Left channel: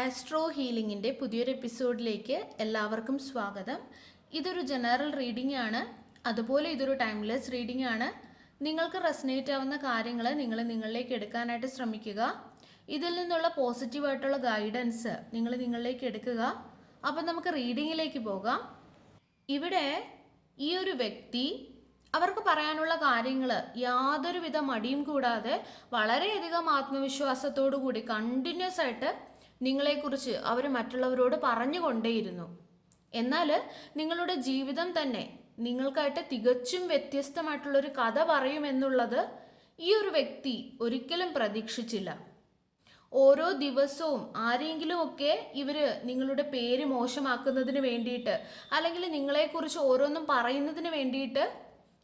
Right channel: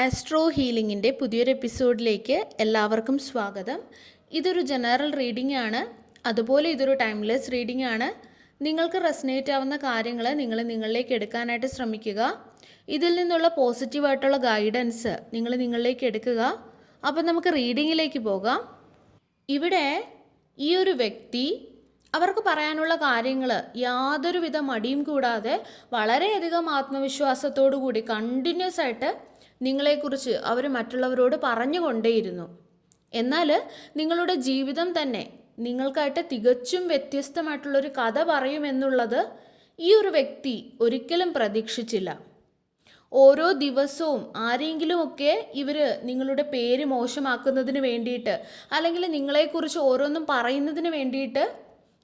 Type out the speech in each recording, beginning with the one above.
Astro ഹീലിംഗിൻ്റെ പുതിയൊരു എപ്പിസോഡിലേക്ക് എല്ലാവർക്കും സ്വാഗതം. ഇതൊരു ജനറൽ റീഡിംഗ് ആണ്, അതുപോലെ ഇതൊരു ടൈംലെസ് റീഡിംഗ് ആണ്. നിങ്ങൾക്ക് റെസനേറ്റ് ആവുന്ന കാര്യങ്ങൾ നിങ്ങളിലേക്ക് എടുക്കാനായിട്ട് ശ്രമിക്കുക. ഇതിൽ നിന്നുള്ള പോസിറ്റീവായിട്ടുള്ള ഗൈഡൻസ് നിങ്ങളിലേക്ക് എടുക്കുക. അപ്പം നമുക്ക് റീഡിങ്ങിലേക്ക് പോകാം. ഇവിടെ ഈ ഒരു വ്യക്തി അവർക്ക് പറയാനുള്ള കാര്യങ്ങൾ യാതൊരുവിധ മടിയും കൂടാതെ വളരെയധികം ആത്മവിശ്വാസത്തോടു കൂടി കണ്ടിന്യൂസ് ആയിട്ട് നിങ്ങളെക്കുറിച്ച് അവർ മറ്റുള്ളവരോട് പറഞ്ഞുകൊണ്ടേയിരുന്നു. എന്നാൽ നിങ്ങളുടെ ജീവിതം തന്നെ നിങ്ങൾക്കായിട്ട് തികച്ചും വ്യത്യസ്തമായിട്ടുള്ളൊരു കഥ പറയുമെന്നുള്ളത് ഈ ഒരു വ്യക്തി ഒരിക്കലും പ്രതീക്ഷിച്ചില്ല. ഓരോ ദിവസവും ആരെങ്കിലുമൊക്കെ ഇവർ നിങ്ങളുടെ പേര് മോശമാക്കുന്നതിന് വേണ്ടിയിട്ട് അല്ലെങ്കിൽ നിങ്ങളെക്കുറിച്ച് ഓരോന്നും പറയുന്നതിന് വേണ്ടിയിട്ട്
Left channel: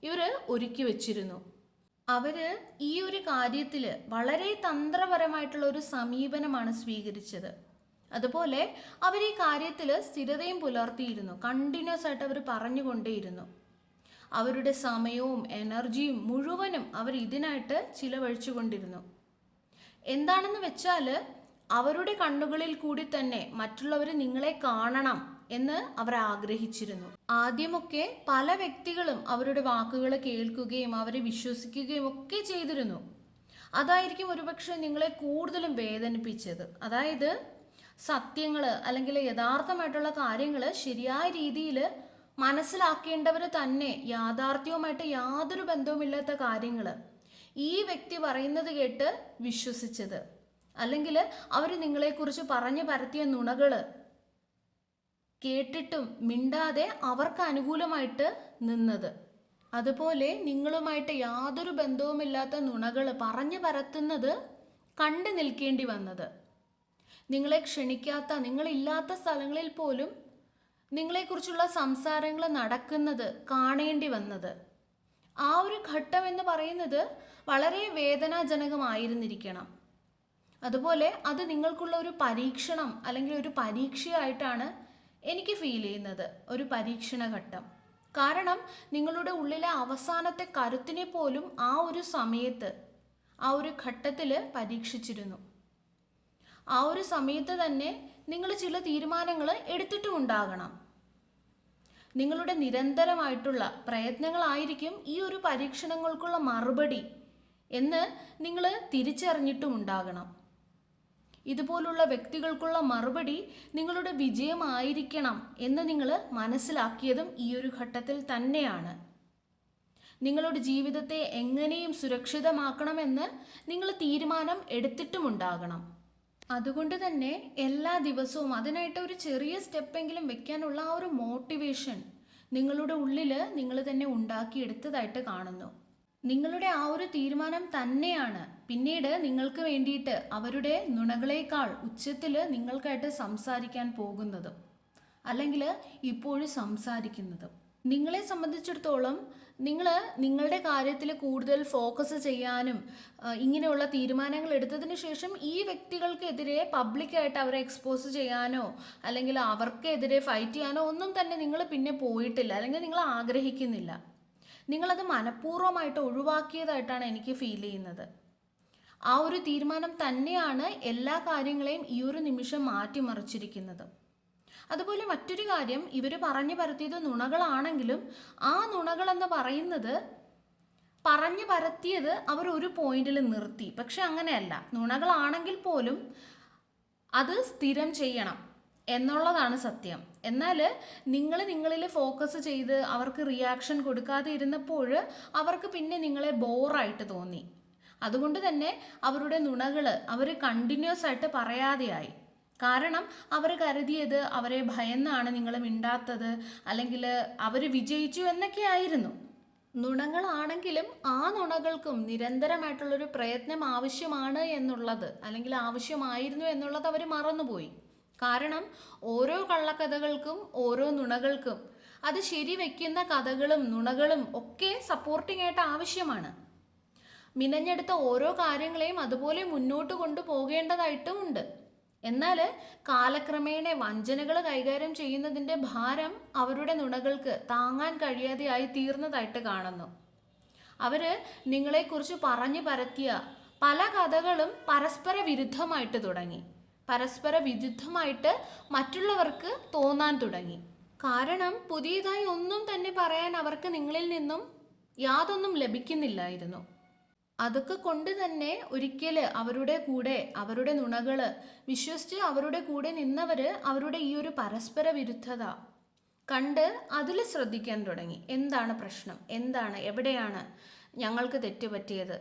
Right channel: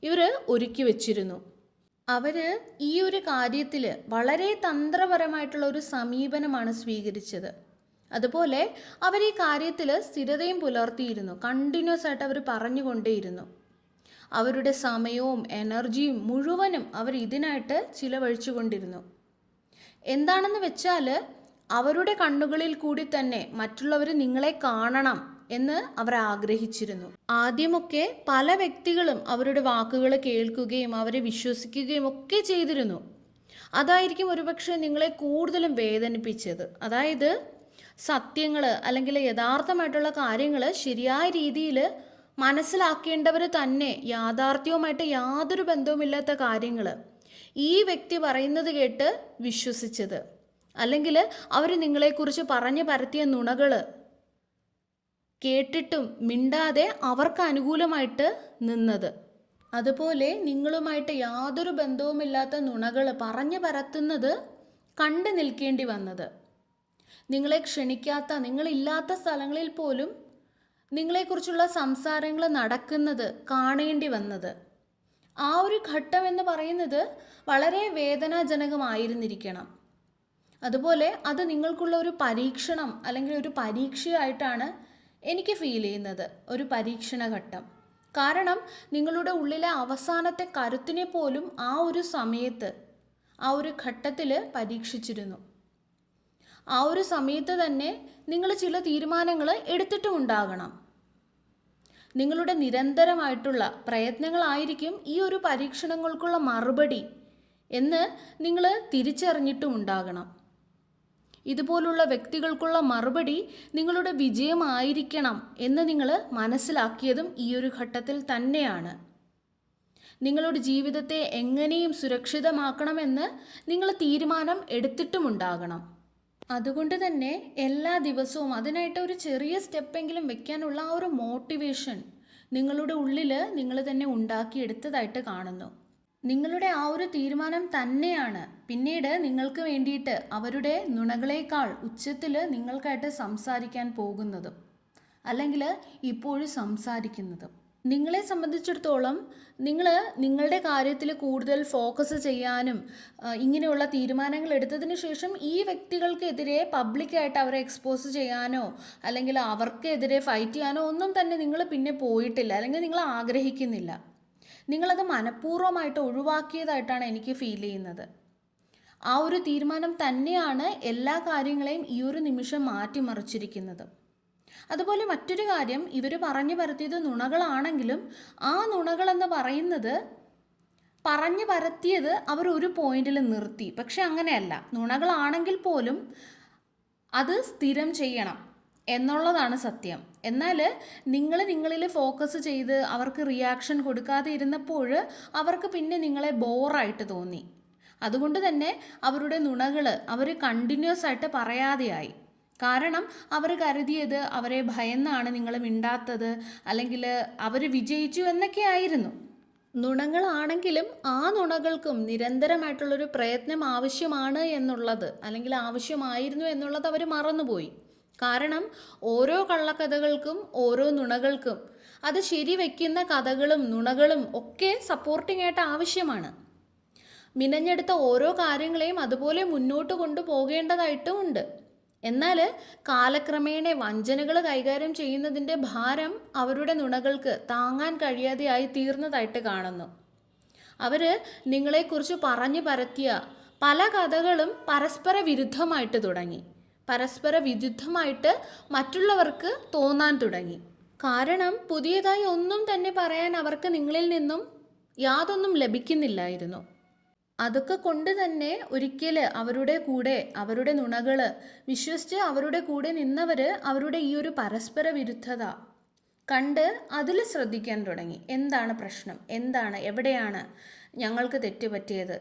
ഇവർ ഒരുക്കി വച്ചിരുന്നു. അവർ ഈ ഒരു കാര്യത്തിൽ വളരെ തന്ത്രപരമായിട്ടുള്ള ഒരു സമീപനമാണ് സ്വീകരിച്ചത്. അതുപോലെ അവർ ഈ കാര്യത്തിൽ സ്ഥിരതയും പുലർത്തിയിരുന്നു. കണ്ടിന്യൂസ് ആയിട്ട് അവർ പറഞ്ഞുകൊണ്ടേയിരുന്നു. അവരുടെ സമയവും എനർജിയും മുഴുവനും അവർ ഇതിനായിട്ട് ചിലവഴിച്ചു കൊണ്ടിരുന്നു. എന്താണെന്ന് വെച്ചാൽ അവരുടെ കണ്ണുകളിൽ കൂടി തന്നെ മറ്റുള്ളവർ നിങ്ങളെ കാണണം എന്ന് അവർ ആഗ്രഹിച്ചിരുന്നു. ആദ്യമൊക്കെ പല വ്യക്തികളും അവരുടെ വാക്കുകൾ കേൾക്കുകയും അവരെ വിശ്വസിക്കുകയും ഒക്കെ ചെയ്തിരുന്നു. അതായിരിക്കും ഒരുപക്ഷെ നിങ്ങളെ കൂടുതലും വേദനിപ്പിച്ചത്. അതായത് സത്യങ്ങൾ അല്ലെങ്കിൽ യഥാർത്ഥമായിട്ടുള്ള കാര്യങ്ങൾ ശരിയായ രീതിയിൽ മനസ്സിലാക്കേണ്ടവർ തന്നെ യാഥാർത്ഥ്യവുമായിട്ട് യാതൊരു ബന്ധവുമില്ലാത്ത കാര്യങ്ങൾ ഈ വ്യക്തി പറയുന്നത് കേട്ട് വിശ്വസിച്ചത്, അല്ലെങ്കിൽ അവർ നിങ്ങളെക്കുറിച്ച് പറഞ്ഞു പരത്തിയ നുണകൾ കേട്ടിട്ടും മിണ്ടാതെ അവർക്ക് അനുകൂലമായിട്ട് നിന്നത്, അതുപോലെ നിങ്ങളുമായിട്ട് യാതൊരു ബന്ധവുമില്ലാത്ത നുണകൾ പറഞ്ഞു പരത്തുന്നത് കണ്ടു നിൽക്കേണ്ടി വന്നത്, നിങ്ങളെ ക്ഷണിക്കാത്ത നിങ്ങളില്ലാത്ത സ്ഥലങ്ങളിൽ പോലും നിങ്ങളെക്കുറിച്ചുള്ള സംസാരങ്ങൾ നടക്കുന്നത് കാണേണ്ടി വന്നത്, ആ ഒരു ഘട്ടം എന്ന് പറയുന്നത് വളരെ വേദനാജനകമായിരുന്നിരിക്കണം. അതുപോലെ അത് നിങ്ങൾക്കുള്ള ഒരു പരീക്ഷണം അല്ലെങ്കിൽ ഒരു പരീക്ഷയായിട്ടാണ് എനിക്ക് ഫീൽ ചെയ്യുന്നത്, ഒരു പരീക്ഷണ ഘട്ടം. കാരണം നിങ്ങളുടെ ഉള്ളിലെ അവസാനത്തെ കരുത്തിനെ പോലും ആ ഒരു സമയത്ത് ആ ഒരു ഘട്ടത്തിൽ പരീക്ഷിച്ചിരുന്നു. ആ ഒരു സമയത്ത് തന്നെ നിങ്ങൾ ചില തീരുമാനങ്ങൾ എടുത്തിട്ടും ഉണ്ടാകണം. നിങ്ങളുടെ നിരന്തരമായിട്ടുള്ള പ്രയത്നങ്ങളായിരിക്കും ഈ ഒരു പരീക്ഷണങ്ങൾക്കുള്ള മറുപടി എന്ന് നിങ്ങൾ തിരിച്ചറിഞ്ഞിട്ടും ഉണ്ടാകണം. ഇതുപോലുള്ള വ്യക്തികൾക്കുള്ള മറുപടി നിങ്ങളുടെ വിജയമായിരിക്കണം എന്ന് നിങ്ങൾ മനസ്സിലാക്കിയതും ഈ ഒരു ഘട്ടത്തിൽ തന്നെയാണ്. നിങ്ങളുടെ ജീവിതത്തെ എങ്ങനെയും സുരക്ഷിതമാക്കണമെന്ന് നിങ്ങൾ തീരുമാനം എടുത്തിട്ടുമുണ്ടാകണം. അതുകൊണ്ട് തന്നെ എല്ലാ ദിവസവും അതിനായിട്ട് ഒരു ചെറിയ സ്റ്റെപ്പെങ്കിലും വെക്കാനുള്ള ആ ഒരു മോട്ടിവേഷൻ നിങ്ങളുടെ ഉള്ളിൽ നിങ്ങൾ തന്നെ ഉണ്ടാക്കിയെടുത്തതായിട്ട് കാണുന്നു. നിങ്ങളുടെ ആ ഒരു തീരുമാനം തന്നെയാണ് പിന്നീട് നിങ്ങൾക്ക് വേണ്ടിയിട്ട് അവരുടെ നുണകളേക്കാൾ ഉച്ചത്തിൽ നിങ്ങൾക്കായിട്ട് സംസാരിക്കാൻ പോകുന്നതും അല്ലെങ്കിൽ ഇപ്പോഴും സംസാരിക്കുന്നതും. നിങ്ങളെ സംബന്ധിച്ചിടത്തോളം നിങ്ങളുടെ കാര്യത്തിൽ കൂടുതൽ ഫോക്കസ് ചെയ്യാനും ഇങ്ങനെയുള്ള തീരുമാനങ്ങൾ എടുത്തതിന് ശേഷം ഈ വ്യക്തികൾക്കെതിരെ പബ്ലിക്കായിട്ട് അവരെ എക്സ്പോസ് ചെയ്യാനോ അല്ലെങ്കിൽ അവർക്കെതിരെ ഫൈറ്റ് ചെയ്യാനോ ഒന്നും തന്നെ നിങ്ങൾ പിന്നെ പോയിട്ടില്ല, അല്ലെങ്കിൽ നിങ്ങൾ ആഗ്രഹിക്കുന്നില്ല. നിങ്ങളത് മനഃപൂർവ്വമായിട്ട് ഒഴിവാക്കിയതായിട്ടാണ് എനിക്ക് ഫീൽ ചെയ്യുന്നത്. ആ ഒരു തീരുമാനം തന്നെയാണ് എല്ലാ കാര്യങ്ങളെയും ഈ ഒരു നിമിഷം മാറ്റിമറിച്ചിരിക്കുന്നത്. അതുപോലെ മറ്റൊരു കാര്യം, ഇവർ പറഞ്ഞു പരത്തിയത് നുണകളാണെങ്കിലും ആ നുണകളെന്ന് പറയുന്നത് പറഞ്ഞു പരത്തിയത് അവർ ഒരു പോയിന്റിൽ നിർത്തി. പക്ഷെ അങ്ങനെയല്ല, നുണകളാണെങ്കിൽ പോലും അത് സ്ഥിരം ചെയ്യണം എന്നുള്ളതാണ് സത്യം. എന്നാൽ നിങ്ങളിൽ ഫോക്കസ് ചെയ്ത് അവർക്ക് റിയാക്ഷൻ കൊടുക്കാതെ ഇരുന്നപ്പോൾ അവർക്ക് പിന്നെ നിങ്ങളെ ബോറായിട്ട് തോന്നി. അതുകൊണ്ട് തന്നെ അവരുടെ നുണകൾ അവർ കണ്ടിന്യൂസ് ആയിട്ട് പറയാതെയായി. കാരണം അവർ കരുതിയത് അവരെ ഭയന്നാണ് നിങ്ങൾ മിണ്ടാത്തത്, അല്ലെങ്കിൽ അവർ വിജയിച്ചു എന്നൊക്കെ ആയിരുന്നു. നുണകളാണെങ്കിലും ആ നുണകൾക്കും നിരന്തരമായിട്ടുള്ളൊരു പ്രയത്നം ആവശ്യമാണ് എന്നുള്ളത്, അല്ലെങ്കിൽ ആവശ്യമായിരുന്നു എന്നുള്ളത് അവർ മറന്നുപോയി. കാരണം ഓരോ കള്ളക്കഥകൾക്കും ഓരോ നുണകൾക്കും അത് ശരിവെക്കുന്ന കഥകളും നുണകളും ഒക്കെ സപ്പോർട്ടിംഗ് ആയിട്ട് ആവശ്യമാണ്. മിനഞ്ഞെടുത്ത ഓരോ കാര്യങ്ങളെയും അതുപോലെ മുന്നോട്ട് കൊണ്ടുപോകേണ്ടതായിട്ടും ഉണ്ട്. എന്നാൽ കാലക്രമേണ വഞ്ചനകൾ കൈകാര്യം ചെയ്യുന്നതിൻ്റെ ഭാരം അവരുടെ നുണകൾക്ക് താങ്ങാൻ കഴിയാതെയായി തീർന്നതായിട്ട് കാണുന്നു. അവർ നിങ്ങളെക്കുറിച്ച് പറഞ്ഞു പരത്തിയ പല കഥകളും പരസ്പര വിരുദ്ധമായിട്ട് തുടങ്ങി. പരസ്പര വിരുദ്ധമായിട്ട് മറ്റുള്ളവർക്ക് തോന്നാൻ തുടങ്ങി. കാരണം പുതിയതായി ഒന്നും തന്നെ പറയാൻ അവർക്ക് നിങ്ങളിൽ നിന്നും യാതൊന്നും ലഭിക്കുന്നില്ലായിരുന്നു. അതൊക്കെ കൊണ്ട് തന്നെ ഒരിക്കൽ അവരുടെ കൂടെ അവരുടെ നുണകൾ വിശ്വസിച്ച് അവരുടെ കൂടെ നിന്നവർ അവരുടെ ഈ ഒരു പരസ്പര വിരുദ്ധത കണ്ട് അതിൽ ശ്രദ്ധിക്കാൻ തുടങ്ങി. എന്താണ് പ്രശ്നം, എന്താണ്, എവിടെയാണ് ഞങ്ങൾക്ക് തെറ്റ് പറ്റിയത്,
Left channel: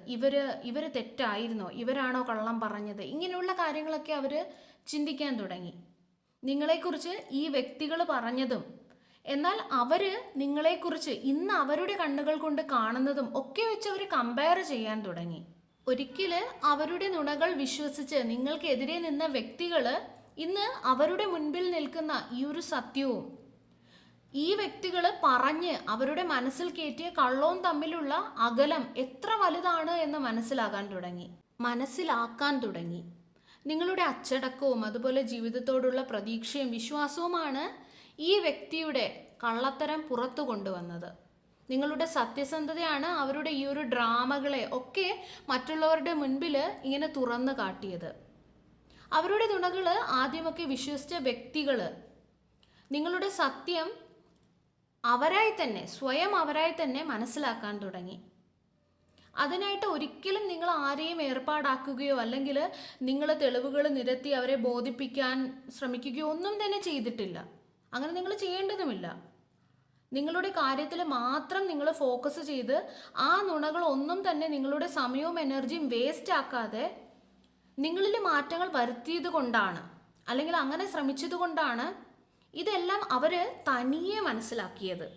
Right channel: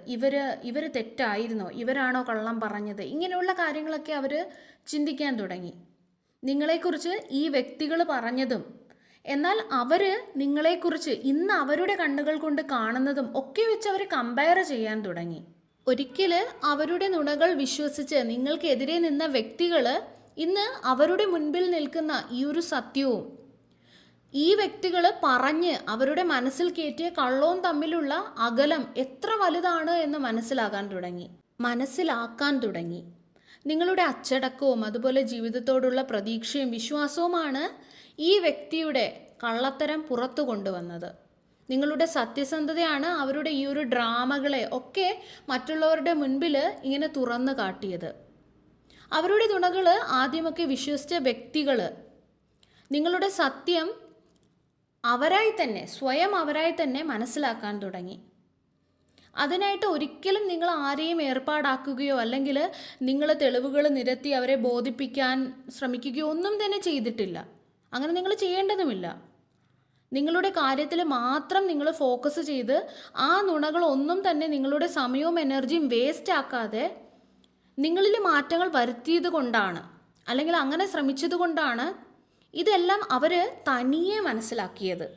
ഇവർ തെറ്റായിരുന്നോ, ഇവരാണോ കള്ളം പറഞ്ഞത്, ഇങ്ങനെയുള്ള കാര്യങ്ങളൊക്കെ അവർ ചിന്തിക്കാൻ തുടങ്ങി. നിങ്ങളെക്കുറിച്ച് ഈ വ്യക്തികൾ പറഞ്ഞതും എന്നാൽ അവർ നിങ്ങളെക്കുറിച്ച് ഇന്ന് അവരുടെ കണ്ണുകൾ കൊണ്ട് കാണുന്നതും ഒക്കെ വെച്ച് അവർ കമ്പയർ ചെയ്യാൻ തുടങ്ങി. ഒരിക്കൽ അവരുടെ നുണകൾ വിശ്വസിച്ച് നിങ്ങൾക്കെതിരെ നിന്ന വ്യക്തികൾ ഇന്ന് അവരുടെ മുൻപിൽ നിൽക്കുന്ന ഈ ഒരു സത്യവും ഈ വ്യക്തികൾ പറഞ്ഞ് അവരുടെ മനസ്സിൽ കയറ്റിയ കള്ളവും തമ്മിലുള്ള അകലം എത്ര വലുതാണ് എന്ന് മനസ്സിലാക്കാൻ തുടങ്ങി. നിങ്ങളുടെ അച്ചടക്കവും അതുപോലെ ജീവിതത്തോടുള്ള പ്രതീക്ഷയും വിശ്വാസവുമാണ് ഈ വ്യക്തിയുടെ കള്ളത്തരം പുറത്തു കൊണ്ടുവന്നത്. നിങ്ങളുടെ സത്യസന്ധതയാണ് അവരുടെ ഈ ഒരു ഡ്രാമകളെ ഒക്കെ മറ്റുള്ളവരുടെ മുൻപിൽ ഇങ്ങനെ തുറന്നു കാട്ടിയത്. അവരുടെ നുണകൾ ആദ്യമൊക്കെ വിശ്വസിച്ച വ്യക്തികൾ നിങ്ങളുടെ സത്യം സ്വയം അവരായി തന്നെ മനസ്സിലാക്കാൻ തുടങ്ങി. അതിനായിട്ട് ഒരിക്കലും നിങ്ങൾ ആരെയും ഏർപ്പാടാക്കുകയോ അല്ലെങ്കിൽ നിങ്ങൾ തെളിവുകൾ നിരത്തി അവരെ ബോധിപ്പിക്കാൻ ശ്രമിക്കുകയോ ഒന്നും തന്നെ ചെയ്തിട്ടില്ല. അങ്ങനെ നിങ്ങൾ ചെയ്യേണ്ടതുമില്ല. നിങ്ങളുടെ കാര്യത്തിൽ മാത്രം നിങ്ങൾ ഫോക്കസ് ചെയ്ത് ആ നുണകളൊന്നും തന്നെ നിങ്ങളുടെ സമയവും എനർജിയും വേസ്റ്റ് ആക്കാതെ നിങ്ങളിൽ മാറ്റങ്ങൾ വരുത്തിയത് കൊണ്ടാണ്, അല്ലെങ്കിൽ അങ്ങനെ ശ്രമിച്ചത് കൊണ്ടാണ് ഇതെല്ലാം അവർ തനിയെ മനസ്സിലാക്കിയത്.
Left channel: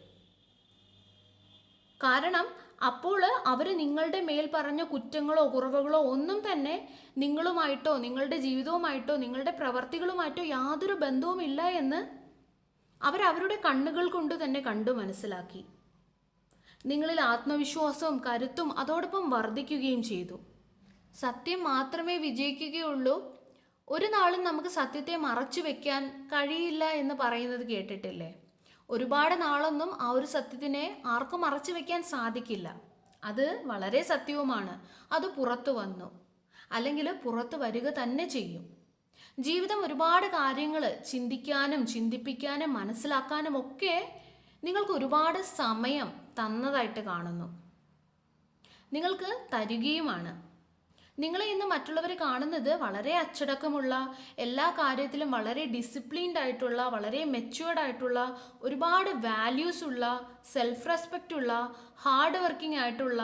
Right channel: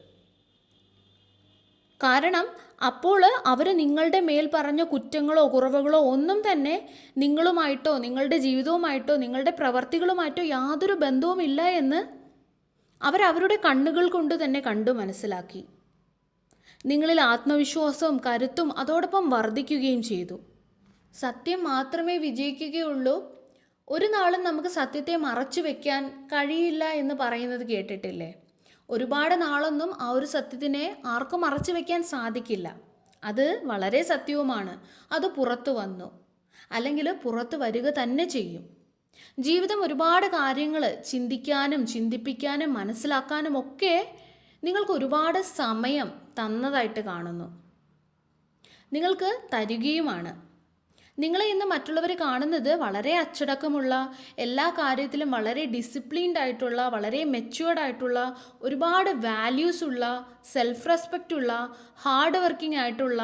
കാരണം അപ്പോൾ അവർ നിങ്ങളുടെ മേൽ പറഞ്ഞ കുറ്റങ്ങളോ കുറവുകളോ ഒന്നും തന്നെ നിങ്ങളുമായിട്ടോ നിങ്ങളുടെ ജീവിതവുമായിട്ടോ നിങ്ങളുടെ പ്രവർത്തികളുമായിട്ടോ യാതൊരു ബന്ധവുമില്ല എന്ന് അവരുടെ കണ്ണുകൾ കൊണ്ട് തന്നെ കണ്ടു മനസ്സിലാക്കി. നിങ്ങളിൽ ആത്മവിശ്വാസവും കരുത്തും അതോടൊപ്പം വർദ്ധിക്കുകയും ചെയ്തു. സത്യം മാത്രമേ വിജയിക്കുകയുള്ളൂ, ഒരു നാളും നമുക്ക് സത്യത്തെ മറച്ചു വെക്കാൻ കഴിയില്ല എന്ന് പറയുന്നത് കേട്ടിട്ടില്ലേ? ഒരുപാട് നാളൊന്നും ആ ഒരു സത്യത്തിനെ ആർക്കും മറച്ചു വെക്കാൻ സാധിക്കില്ല. അത് വളരെ സത്യവുമാണ്. അത് പുറത്തു വന്നു, അല്ലെങ്കിൽ പുറത്തു വരിക തന്നെ ചെയ്യും. ജീവിതം ഒരുപാട് കാര്യങ്ങൾ ചിന്തിക്കാനും ചിന്തിപ്പിക്കാനും മനസ്സിലാക്കാനും ഒക്കെ നിങ്ങൾക്ക് ഒരുപാട് സമയം തന്നതായിട്ട് കാണുന്നു, നിങ്ങൾക്ക് തരികയുമാണ്. നിങ്ങളെ ഇന്ന് മറ്റുള്ളവർ കാണുന്നത് വളരെ അച്ചടക്കമുള്ള, എല്ലാ കാര്യത്തിലും വളരെ ഡിസിപ്ലിൻഡ് ആയിട്ടുള്ള, വളരെ മെച്യൂർഡ് ആയിട്ടുള്ള, ഒരുപാട് വാല്യൂസ് ഉള്ള, സെൽഫ് റെസ്പെക്റ്റ് ഉള്ള, ഹാർഡ് വർക്കിംഗ് ആയിട്ടുള്ള,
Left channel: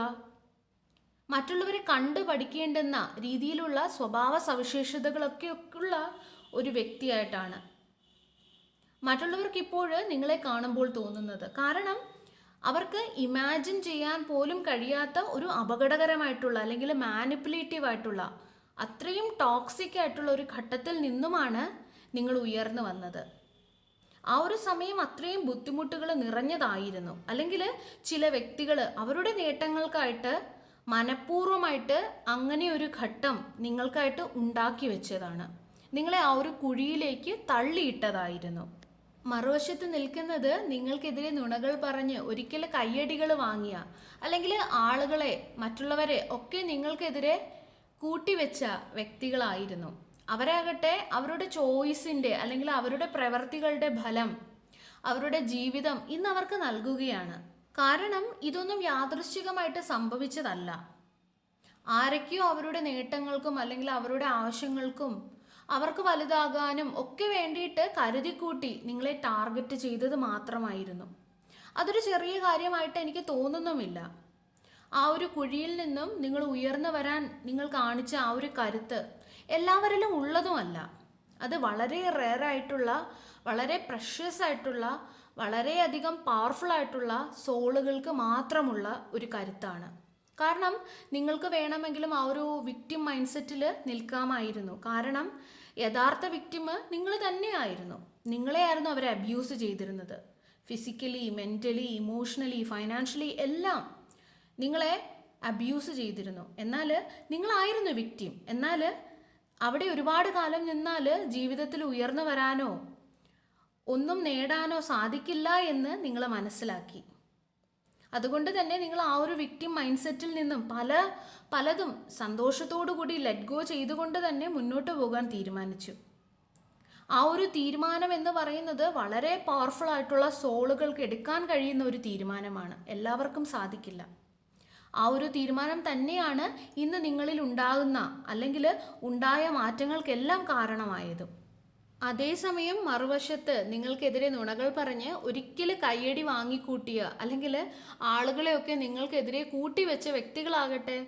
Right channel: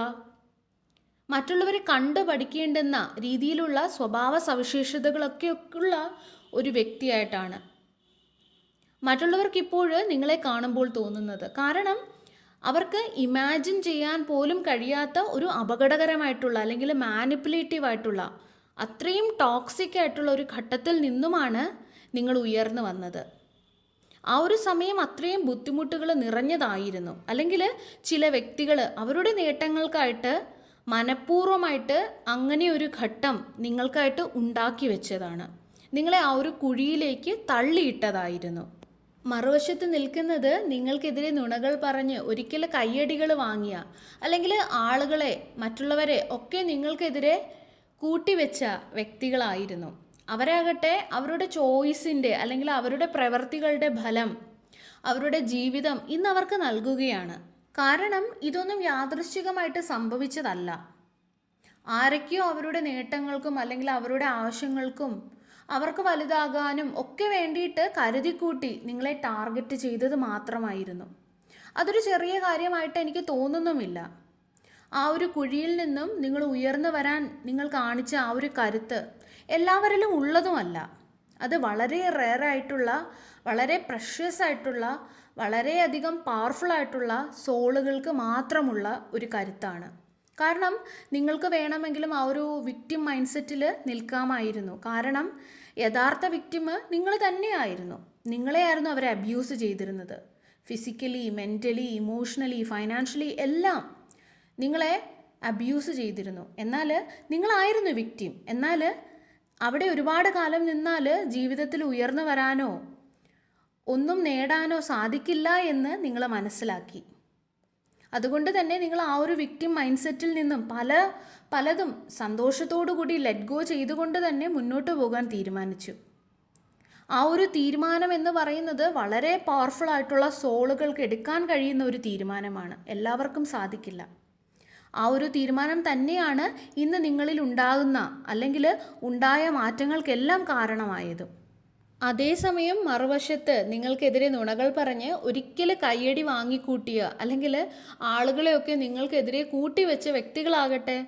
മറ്റുള്ളവരെ കണ്ടു പഠിക്കേണ്ടുന്ന രീതിയിലുള്ള സ്വഭാവ സവിശേഷതകളൊക്കെ ഉള്ള ഒരു വ്യക്തിയായിട്ടാണ് മറ്റുള്ളവർക്ക് ഇപ്പോൾ നിങ്ങളെ കാണുമ്പോൾ തോന്നുന്നത്. കാരണം അവർക്ക് ഇമാജിൻ ചെയ്യാൻ പോലും കഴിയാത്ത ഒരു അപകടകരമായിട്ടുള്ള അല്ലെങ്കിൽ മാനിപ്പുലേറ്റീവ് ആയിട്ടുള്ള അത്രയും ടോക്സിക് ആയിട്ടുള്ള ഒരു ഘട്ടത്തിൽ നിന്നുമാണ് നിങ്ങൾ ഉയർന്നു വന്നത്. ആ ഒരു സമയം അത്രയും ബുദ്ധിമുട്ടുകൾ നിറഞ്ഞതായിരുന്നു. അല്ലെങ്കിൽ ചില വ്യക്തികൾ അവരുടെ നേട്ടങ്ങൾക്കായിട്ട് മനഃപൂർവ്വമായിട്ട് അങ്ങനെ ഒരു ഘട്ടം നിങ്ങൾക്കായിട്ട് ഉണ്ടാക്കി വെച്ചതാണ്. നിങ്ങളെ ആ ഒരു കുഴിയിലേക്ക് തള്ളിയിട്ടതായിരുന്നു. മറുവശത്ത് നിൽക്കുന്നത് നിങ്ങൾക്കെതിരെ നുണകൾ പറഞ്ഞ് ഒരിക്കൽ കയ്യടികൾ വാങ്ങിയ, അല്ലെങ്കിൽ ആളുകളെ മറ്റുള്ളവരെ ഒക്കെ നിങ്ങൾക്കെതിരെ കൂട്ടിവെച്ച വ്യക്തികളായിരുന്നു. അവരാകട്ടെ അവരുടെ ചോയ്സിൻ്റെ അല്ലെങ്കിൽ അവരുടെ പ്രവൃത്തികളുടെ ഫലം അവരുടെ ജീവിതം ഇന്ന് അവർക്ക് നൽകുകയാണ്. കാരണം ഇതൊന്നും യാദൃശ്ചികമായിട്ട് സംഭവിച്ചതല്ല. ആരൊക്കെയോ അവരുടെ നേട്ടങ്ങൾക്കും അല്ലെങ്കിൽ അവരുടെ ആവശ്യങ്ങൾക്കും അവർക്ക് വലുതാകാനും ഒക്കെ വേണ്ടിയിട്ട് കരുതിക്കൂട്ടി നിങ്ങളെ ടാർഗറ്റ് ചെയ്തത് മാത്രമായിരുന്നു. അതൊരു ചെറിയ കാര്യമായിട്ട് എനിക്ക് തോന്നുന്നുമില്ല. ആ ഒരു കുഴിയിൽ നിന്നും നിങ്ങൾ ഉയർന്നു വരാൻ നിങ്ങൾ കാണിച്ച ആ ഒരു കരുത്ത് എല്ലാവരിലും ഉള്ളതുമല്ല. അത് വളരെ റെയറായിട്ടുള്ള, വളരെ പ്രഷ്യസ് ആയിട്ടുള്ള, വളരെയധികം പവർഫുൾ ആയിട്ടുള്ള സോളുകൾക്ക് മാത്രമുള്ള ഒരു കരുത്താണ്. കാരണം നിങ്ങൾക്ക് വേണമെങ്കിലും ആ ഒരു വിക്ടിം മൈൻഡ് സെറ്റിൽ നിൽക്കാമായിരുന്നു. കാരണം യഥാർത്ഥ വിക്ടിം നിങ്ങൾ തന്നെയായിരുന്നു. നിങ്ങളെയായിരുന്നു അവരെ അബ്യൂസ് ചെയ്തിരുന്നത്. ഫിസിക്കലി, മെൻ്റലി, ഇമോഷണലി, ഫൈനാൻഷ്യലി എല്ലാം നിങ്ങളെ അബ്യൂസ് ചെയ്തിരുന്നു. എന്നാൽ നിങ്ങളായിരുന്നു വിക്ടിം. എന്നാൽ അവിടെ ഒരുപാട് കാലം നിന്നാൽ ജീവിതത്തിൽ ഉയർന്നു വരാനോ ഒന്നും നേടാനോ സാധിക്കില്ല എന്ന് നിങ്ങൾ മനസ്സിലാക്കി. അതുകൊണ്ട് തന്നെ നിങ്ങൾ ആ ഒരു വിക്ടിം മൈൻഡ് സെറ്റിൽ നിന്നും പലതും സന്തോഷത്തോടു കൂടി ലെറ്റ് ഗോ ചെയ്തുകൊണ്ട് തന്നെ മുന്നോട്ട് പോകാൻ തീരുമാനിച്ചു. ആ ഒരു തീരുമാനം എന്ന് പറയുന്നത് വളരെ പവർഫുൾ ആയിട്ടുള്ള സോളുകൾക്ക് എടുക്കാൻ കഴിയുന്ന ഒരു തീരുമാനമാണ്. എല്ലാവർക്കും സാധിക്കില്ല. ആ ഒരു തീരുമാനം തന്നെയാണ് ഇന്ന് നിങ്ങളിൽ ഉണ്ടാകുന്ന അല്ലെങ്കിൽ ഉണ്ടായ മാറ്റങ്ങൾക്കെല്ലാം കാരണമായതും. അതേസമയം മറുവശത്ത് നിങ്ങൾക്കെതിരെ നുണകൾ പറഞ്ഞ് ഒരിക്കൽ കയ്യടി വാങ്ങിക്കൂട്ടിയ അല്ലെങ്കിൽ ആളുകളെയൊക്കെ നിങ്ങൾക്കെതിരെ കൂട്ടിവെച്ച വ്യക്തികളാകട്ടെ,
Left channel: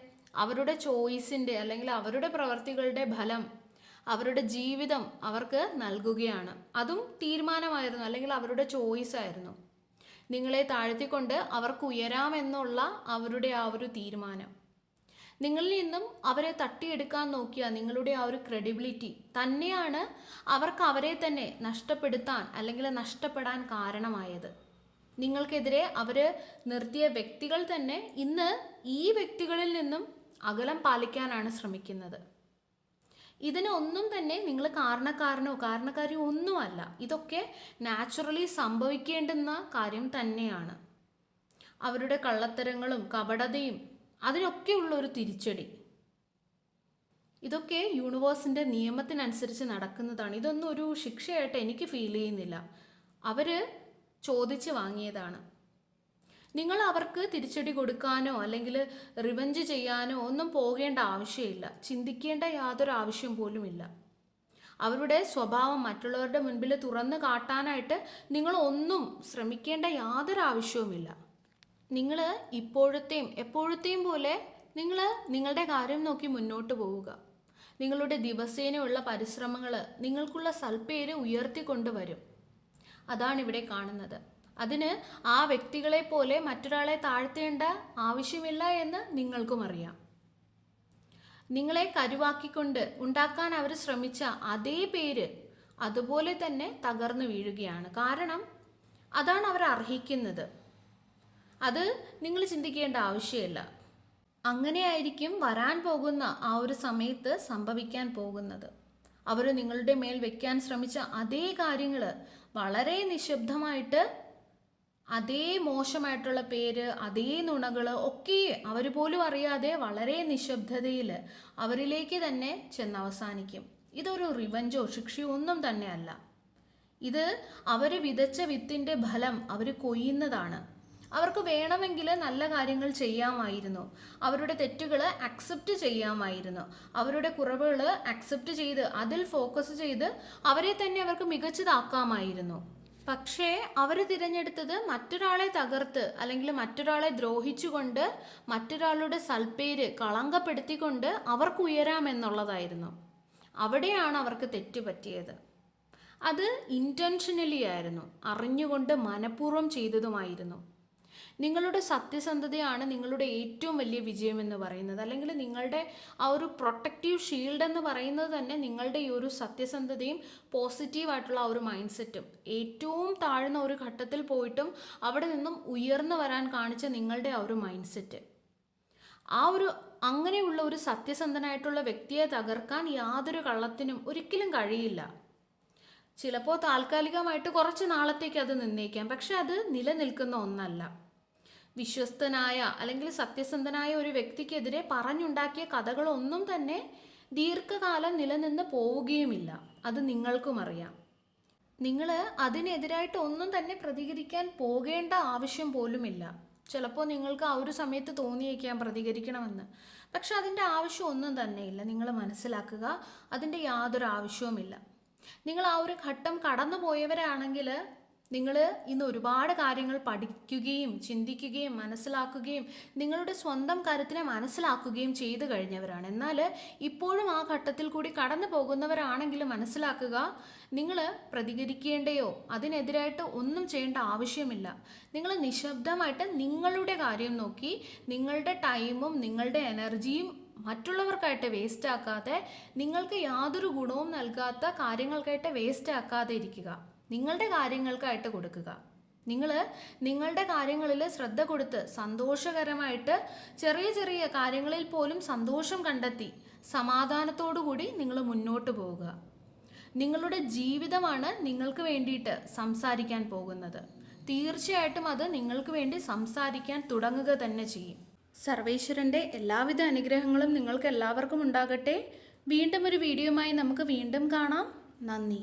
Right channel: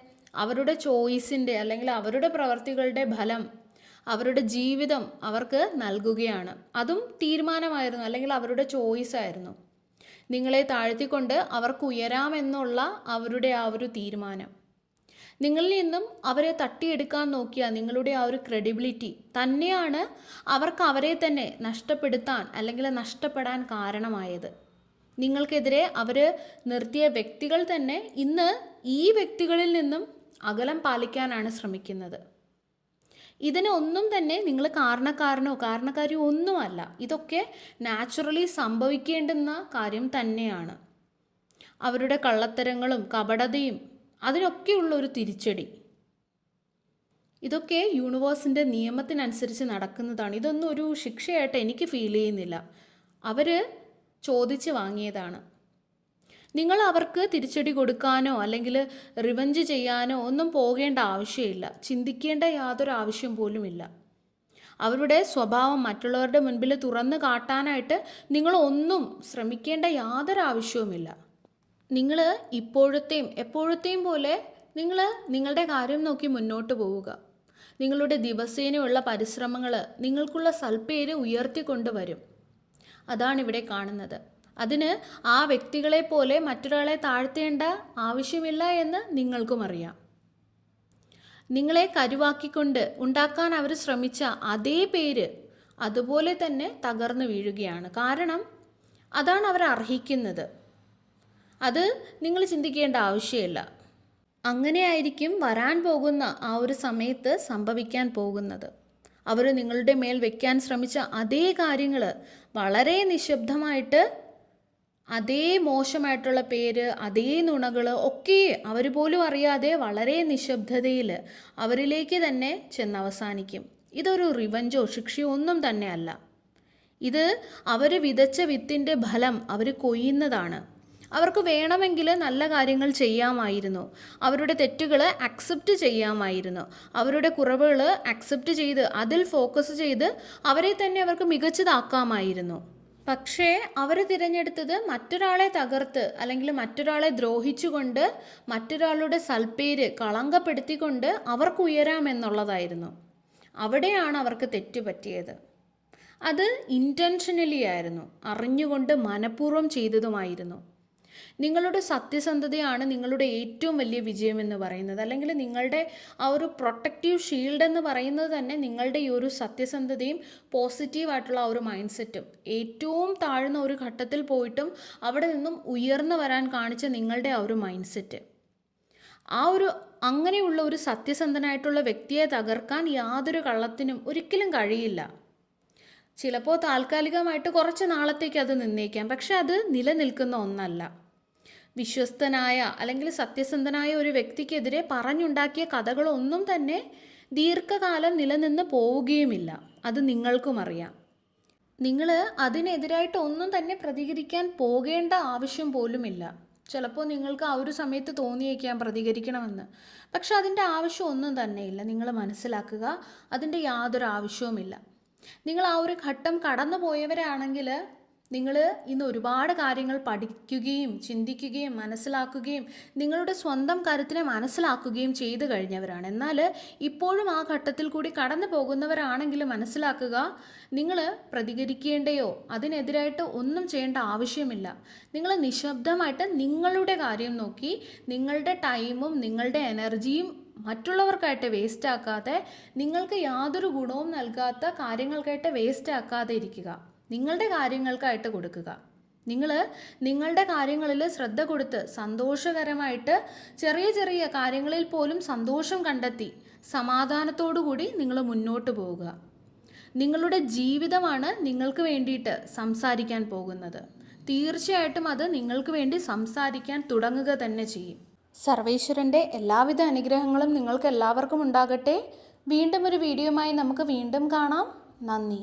അവരുടെ ചോയ്സിൻ്റെ അല്ലെങ്കിൽ അവരുടെ പ്രവർത്തികളുടെ ഫലം അവരുടെ ജീവിതം അവർക്ക് നൽകുകയാണ്. അതും തീരുമാനമായിരുന്നു അല്ലെങ്കിൽ അവരുടെ ചോയ്സ് ആയിരുന്നു. നിങ്ങളെ താഴ്ത്തിക്കൊണ്ട് അവർക്ക് ഉയരാമെന്നുള്ള അവരുടെ ആ ഒരു തീരുമാനം. നിങ്ങളിൽ നിന്നും അവരെ തട്ടിയെടുക്കാൻ നോക്കിയ നിങ്ങളുടെ ആ ഒരു ക്രെഡിബിലിറ്റി തന്നെയാണ് അവർക്ക് അവരെ തന്നെ നഷ്ടപ്പെടുത്താൻ അല്ലെങ്കിൽ നഷ്ടപ്പെടാൻ കാരണമായത്. നിങ്ങൾക്കെതിരെ അവർ നിർത്തിയ വ്യക്തികൾ തന്നെ ഇന്ന് ഈ വ്യക്തികളിൽ നിന്നും അകലം പാലിക്കാനാണ് ശ്രമിക്കുന്നത്. ഇതിനൊന്നും തന്നെ നിങ്ങൾ കാരണക്കാരിയോ ഒന്നുമല്ല. ഇതൊക്കെ നാച്ചുറലി സംഭവിക്കേണ്ടുന്ന കാര്യം തന്നെയാണ്. അവരുടെ കള്ളത്തരങ്ങളും കപടതയും അതിനൊക്കെയുള്ള ഒരു തിരിച്ചടി. ഇതൊക്കെ യൂണിവേഴ്സിൻ്റെ നിയമത്തിനനുസരിച്ച് നടക്കുന്നതാണ്. ഇതൊന്നും ഒരു ശിക്ഷയായിട്ട് എനിക്ക് ഫീൽ ചെയ്യുന്നില്ല. അവർ ചോദിച്ച് വാങ്ങിയതാണ്. നിങ്ങൾ അവർക്ക് തിരിച്ചടി കൊടുക്കാനോ അല്ലെങ്കിൽ റിവഞ്ച് ചെയ്യാനോ ഒന്നും പോകേണ്ട ആവശ്യമില്ല. ചിന്തിക്കേണ്ട യാതൊരു ആവശ്യം പോലുമില്ല. അവരുടെ സ്വഭാവം മറ്റുള്ളവരുടെ മുൻപിൽ തുറന്നു കാട്ടാനായിട്ട് നിങ്ങളൊന്നും ശ്രമിക്കേണ്ട യാതൊരു ആവശ്യവുമില്ല. നിങ്ങൾ ഇപ്പോഴത്തെയും എപ്പോഴത്തെയും പോലെ നിങ്ങൾ നിങ്ങളുടെ കാര്യം നോക്കി മുന്നോട്ട് പോവുക. നിങ്ങളുടെ ദിവസേനയുള്ള പരിശ്രമങ്ങൾ നിങ്ങൾക്കുള്ള സൽപ്പേര് ഉയർത്തിക്കൊണ്ടുവരും. അതാണിവിടെ കാണുന്നത്. അതിന് ആ വ്യക്തികളെ പോലെ മറ്റൊരാളെ താഴ്ത്തേണ്ട ആവശ്യമില്ല എന്ന് നിങ്ങൾക്കും അറിയാം. നിങ്ങളെ കരുവാക്കിക്കൊണ്ട് ഉണ്ടാക്കാൻ അവർ ശ്രമിച്ച അതേ പേര് അതുപോലെ തന്നെ തകർന്നു വീഴുകയാണ്. കാരണം അതാണ് അവർ അർഹിക്കുന്നത്. അത് നിങ്ങൾ ചിന്തിക്കേണ്ട ആവശ്യമില്ല. അങ്ങനെയായിരിക്കും വരാൻ പോകുന്ന ആ ഒരു സമയത്ത് സംഭവിക്കാൻ പോകുന്നത്. അവർ നിങ്ങളുടെ മേൽ വയ്ക്കാൻ ശ്രമിച്ച അതേ കാര്യങ്ങൾ വളരെ നിശബ്ദമായിട്ട്, അതേ മോശമായിട്ടുള്ള പേര്, അതേ നുണകൾ ഒക്കെ അവർ പോലും അറിയാതെ വളരെ നിശബ്ദതയിൽ അവരിലേക്ക് തന്നെ ചെന്നവസാനിക്കും. ഇതൊരു റിവഞ്ചോ ശിക്ഷയോ ഒന്നും തന്നെയല്ല. ഇത് അവർ വിതച്ച വിത്തിൻ്റെ ഫലം അവർ കൊയ്യുന്നതാണ്. അവർക്ക് വേണമെങ്കിൽ നല്ല കാര്യങ്ങൾ ചെയ്യാമായിരുന്നു. അവരുടെ തെറ്റുകൾ അക്സെപ്റ്റ് ചെയ്യാമായിരുന്നു. അവരുടെ കുറവുകൾ അക്സെപ്റ്റ് ചെയ്ത് അതിൽ ഫോക്കസ് ചെയ്ത് അവരെ തന്നെ അവർക്ക് മികച്ചതാക്കാമായിരുന്നു. പക്ഷേ അവർ തിരഞ്ഞെടുത്തത് മറ്റൊരാളെ തകർത്ത് അല്ലെങ്കിൽ മറ്റൊരാളെ ദ്രോഹിച്ചുകൊണ്ട് മറ്റൊരാളുടെ സൽപ്പേര് കളങ്കപ്പെടുത്തിക്കൊണ്ട് അവർക്ക് ഉയരാമെന്നുള്ളതായിരുന്നു. അവിടെയാണ് അവർക്ക് തെറ്റ് പറ്റിയത്. അത് ഇൻറ്റൻഷനലി ആയിരുന്നു, അറിഞ്ഞുകൊണ്ട് മനഃപൂർവ്വം ചെയ്തതുമായിരുന്നു. നിങ്ങളുടെ സത്യസന്ധതയാണ് നിങ്ങളുടെ ഏറ്റവും വലിയ വിജയം എന്ന് പറയുന്നത്. അല്ലെങ്കിൽ നിങ്ങളുടെ ആ ഒരു പ്രൊട്ടക്റ്റീവ് ഷീൽഡ് എന്ന് പറയുന്നത് തന്നെ നിങ്ങളുടെ ഈ ഒരു സത്യസന്ധതയും പോസിറ്റീവായിട്ടുള്ള ആ ഒരു മൈൻഡ് സെറ്റും. ഏറ്റവും താഴ്ന്ന ഒരു ഘട്ടത്തിൽ പോയിട്ടും അവിടെ നിന്നും ഉയർന്നു വരാൻ കാണിച്ച നിങ്ങളുടെ ആ ഒരു മൈൻഡ് സെറ്റ്, അങ്ങനെയുള്ള ഒരു സത്യസന്ധനായിട്ടുള്ള വ്യക്തിയെ തകർക്കാൻ യാതൊരു കള്ളത്തിനും ഒരിക്കലും കഴിയില്ല. ചിലപ്പോൾ താൽക്കാലികമായിട്ട് കുറച്ച് നാളത്തേക്ക് അത് നിന്നേക്കാം, പക്ഷെ അത് നിലനിൽക്കുന്ന ഒന്നല്ല. വിശ്വസ്തനായ അല്ലെങ്കിൽ സത്യസന്ധനായ ഒരു വ്യക്തിക്കെതിരെ പറഞ്ഞുണ്ടാക്കിയ കഥകളൊന്നും തന്നെ ദീർഘകാലം നിലനിന്ന് പോവുകയുമില്ല. അത് നിങ്ങൾക്കും അറിയാം. നിങ്ങൾ അതിനെതിരായിട്ട് ഒന്നും തന്നെ പ്രതികരിക്കാൻ പോകേണ്ട ആവശ്യം പോലുമില്ല. ചിലപ്പോൾ നിങ്ങൾക്ക് ആ ഒരു സമയത്ത് തോന്നിയേക്കാം പ്രതികരിക്കണമെന്ന്, പക്ഷെ അതിൻ്റെ ആവശ്യം ഒന്നും തന്നെയില്ല. നിങ്ങൾ മനസ്സിലാക്കുക, അതിൻ്റെ യാതൊരു ആവശ്യവുമില്ല. നിങ്ങൾ ആ ഒരു ഘട്ടം കടന്നു പോയവരാണെങ്കിൽ നിങ്ങൾ ഇന്ന് ഒരുപാട് കാര്യങ്ങൾ പഠിക്കുകയും ചിന്തിക്കുകയും മനസ്സിലാക്കുകയും നിങ്ങളുടെ സ്വന്തം കരുത്തിനെ മനസ്സിലാക്കുകയും ചെയ്തു കഴിഞ്ഞവരാണ്. എന്നാൽ ഇപ്പോഴും ആ ഘട്ടത്തിൽ കൂടി കടന്നു പോകുന്നവരാണെങ്കിൽ മനസ്സിലാക്കുക, നിങ്ങൾ പ്രതികരിക്കേണ്ടയോ അതിനെതിരായിട്ട് ഒന്നും ചെയ്യേണ്ട ആവശ്യമില്ല. നിങ്ങൾ നിശബ്ദമായിട്ട് നിങ്ങളുടെ കാര്യം നോക്കി നിങ്ങളുടെ ടൈമും നിങ്ങളുടെ എനർജിയും മറ്റുള്ളവർക്കായിട്ട് വേസ്റ്റ് ആക്കാതെ, നിങ്ങൾക്ക് യാതൊരു ഗുണവും നൽകാത്ത കാര്യങ്ങൾക്കായിട്ട് വേസ്റ്റ് ആക്കാതെ ഇരിക്കുക. നിങ്ങളുടെ കാര്യങ്ങൾക്കായിട്ട് കൊടുക്കുക. നിങ്ങൾ നിങ്ങളുടെ കാര്യങ്ങളിൽ ശ്രദ്ധ കൊടുത്ത് സന്തോഷകരമായിട്ട് ചെറിയ ചെറിയ കാര്യങ്ങളിൽ പോലും സന്തോഷം കണ്ടെത്തി സമാധാനത്തോടു കൂടി നിങ്ങൾ മുന്നോട്ട് പോവുക. നിങ്ങളുടെ ജീവിതമാണ് നിങ്ങൾക്ക് വേണ്ടിയിട്ട് സംസാരിക്കാൻ പോകുന്നത്. തീർച്ചയായിട്ടും അത് നിങ്ങൾക്ക് വേണ്ടി സംസാരിക്കാൻ തുടങ്ങുക തന്നെ ചെയ്യും. സർവേശ്വരൻ്റെ എല്ലാവിധ അനുഗ്രഹങ്ങളും നിങ്ങൾക്ക് എല്ലാവർക്കും ഉണ്ടാകട്ടെ. വീണ്ടും ഒരു വീഡിയോയുമായി നമുക്ക് വീണ്ടും കാണാം. നന്ദി.